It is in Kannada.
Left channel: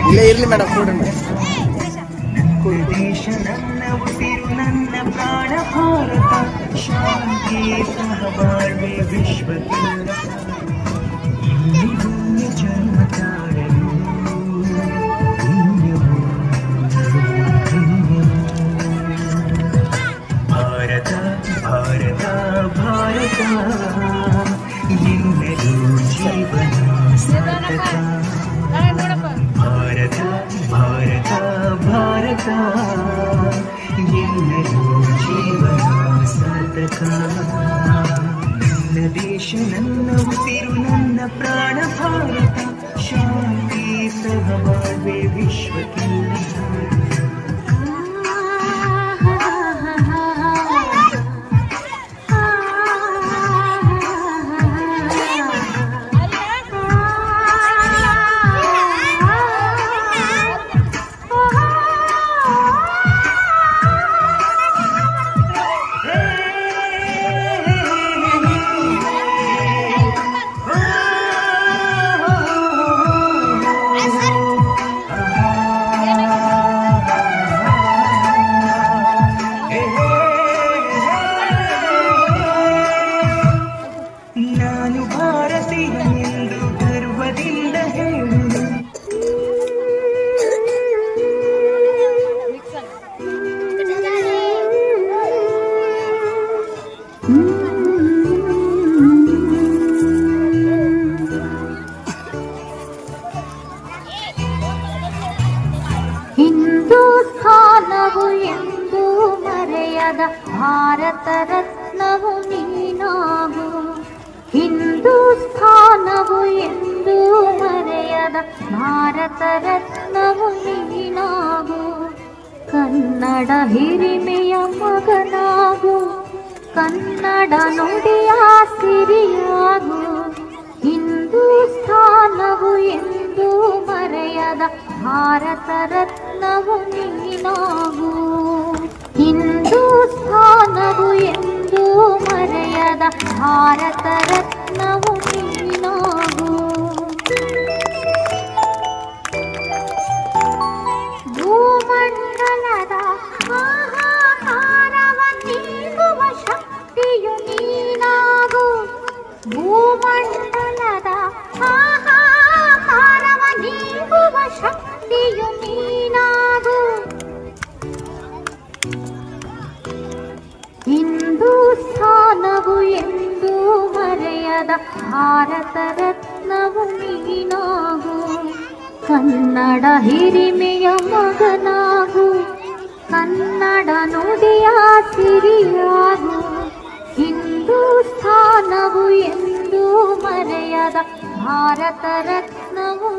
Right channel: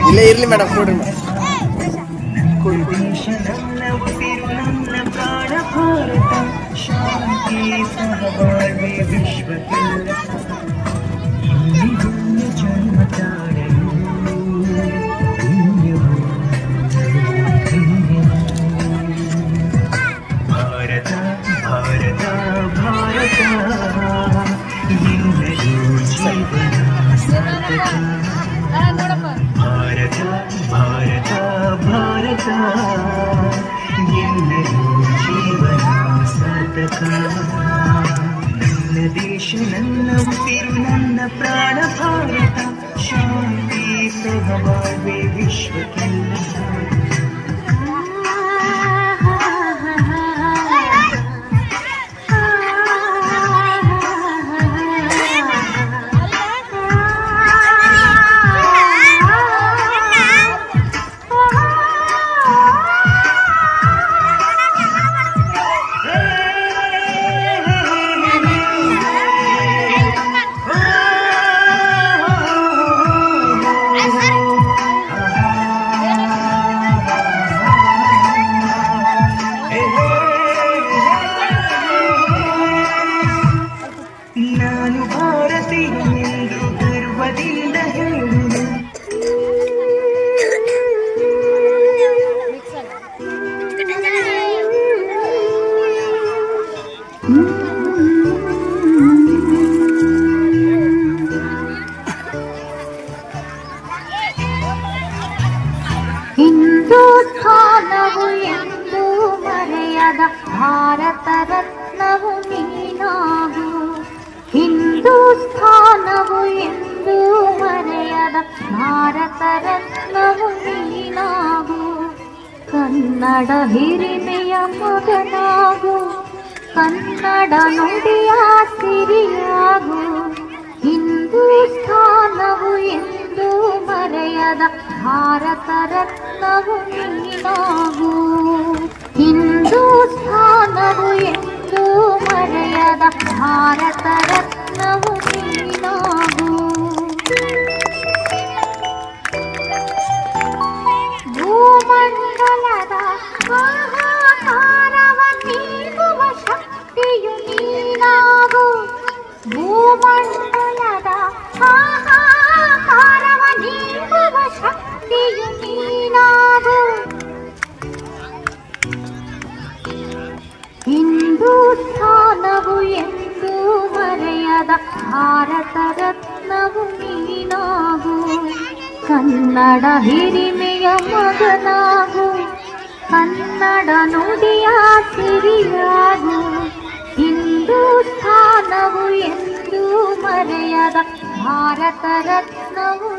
ಇಲ್ಲೇ ಇರ್ಲಿ ಮೇಡಮ್ ಕೊಡ್ರಿ ಮೇಡಮ್. ದೇಶ ನನ್ನ ಉಸಿರು ನನ್ನ ಪ್ರಾಣ ಭಾರತ ಶಾಂತಿ ಸಹಬಾಳ್ವೆ ವಿಶ್ವಕ್ಕೆಲ್ಲ ಇಲ್ಲಿ ಭೂಮಿ ಜನ್ಮ ತಾಳಲು ಭಾರತ ಭಾರತ ಭಾರತ ಎಲ್ಲರೂ ಜೀವನ ಸಾರ್ಥಕ ಭಾರತ ಭಾರತ ಭಾರತ ಎಲ್ಲರೂ ಜೀವನ ಸಾರ್ಥಕ ನನ್ನ ದೇಶ ನನ್ನ ಉಸಿರು ನನ್ನ ಪ್ರಾಣ ಭಾರತ ಶಾಂತಿ ಸಹಬಾಳ್ವೆ ವಿಶ್ವಕ್ಕೆಲ್ಲ ನಾನು ಭಾರತೀಯನೆಂದು ಗರ್ವದಿಂದ ಹೇಳುವೆ ಹಿಂದೂಸ್ಥಾನವು ಎಂದು ಮರೆಯದ ಭಾರತ ರತ್ನವು ನೀನಾಗು ಹಿಂದೂಸ್ಥಾನವು ಎಂದು ಮರೆಯದ ಭಾರತ ರತ್ನವು ನೀನಾಗು ಕನ್ನಡ ಹಿರಿಮೆಯ ಮಗನಾಗು ಕನ್ನಡ ನುಡಿಯ ಸಿರಿಯಾಗು ಹಿಂದೂಸ್ಥಾನವು ಎಂದು ಮರೆಯದ ಭಾರತ ರತ್ನವು ನೀನಾಗು ಹಿಂದೂಸ್ಥಾನವು ಎಂದು ಮರೆಯದ ಭಾರತ ರತ್ನವು ನೀನಾಗು ಭೂಮಂಡಲದ ಹಾಹಾಕಾರವ ನೀಗುವ ಶಕ್ತಿಯು ನೀನಾಗು ಭೂಮಂಡಲದ ಹಾಹಾಕಾರವ ನೀಗುವ ಶಕ್ತಿಯು ನೀನಾಗು ಹಿಂದೂಸ್ಥಾನವು ಎಂದು ಮರೆಯದ ಭಾರತ ರತ್ನವು ನೀನಾಗು ಕನ್ನಡ ಹಿರಿಮೆಯ ಮಗನಾಗು ಕನ್ನಡ ನುಡಿಯ ಸಿರಿಯಾಗು ಹಿಂದೂಸ್ಥಾನವು ಎಂದು ಮರೆಯದ ಭಾರತ ರತ್ನವು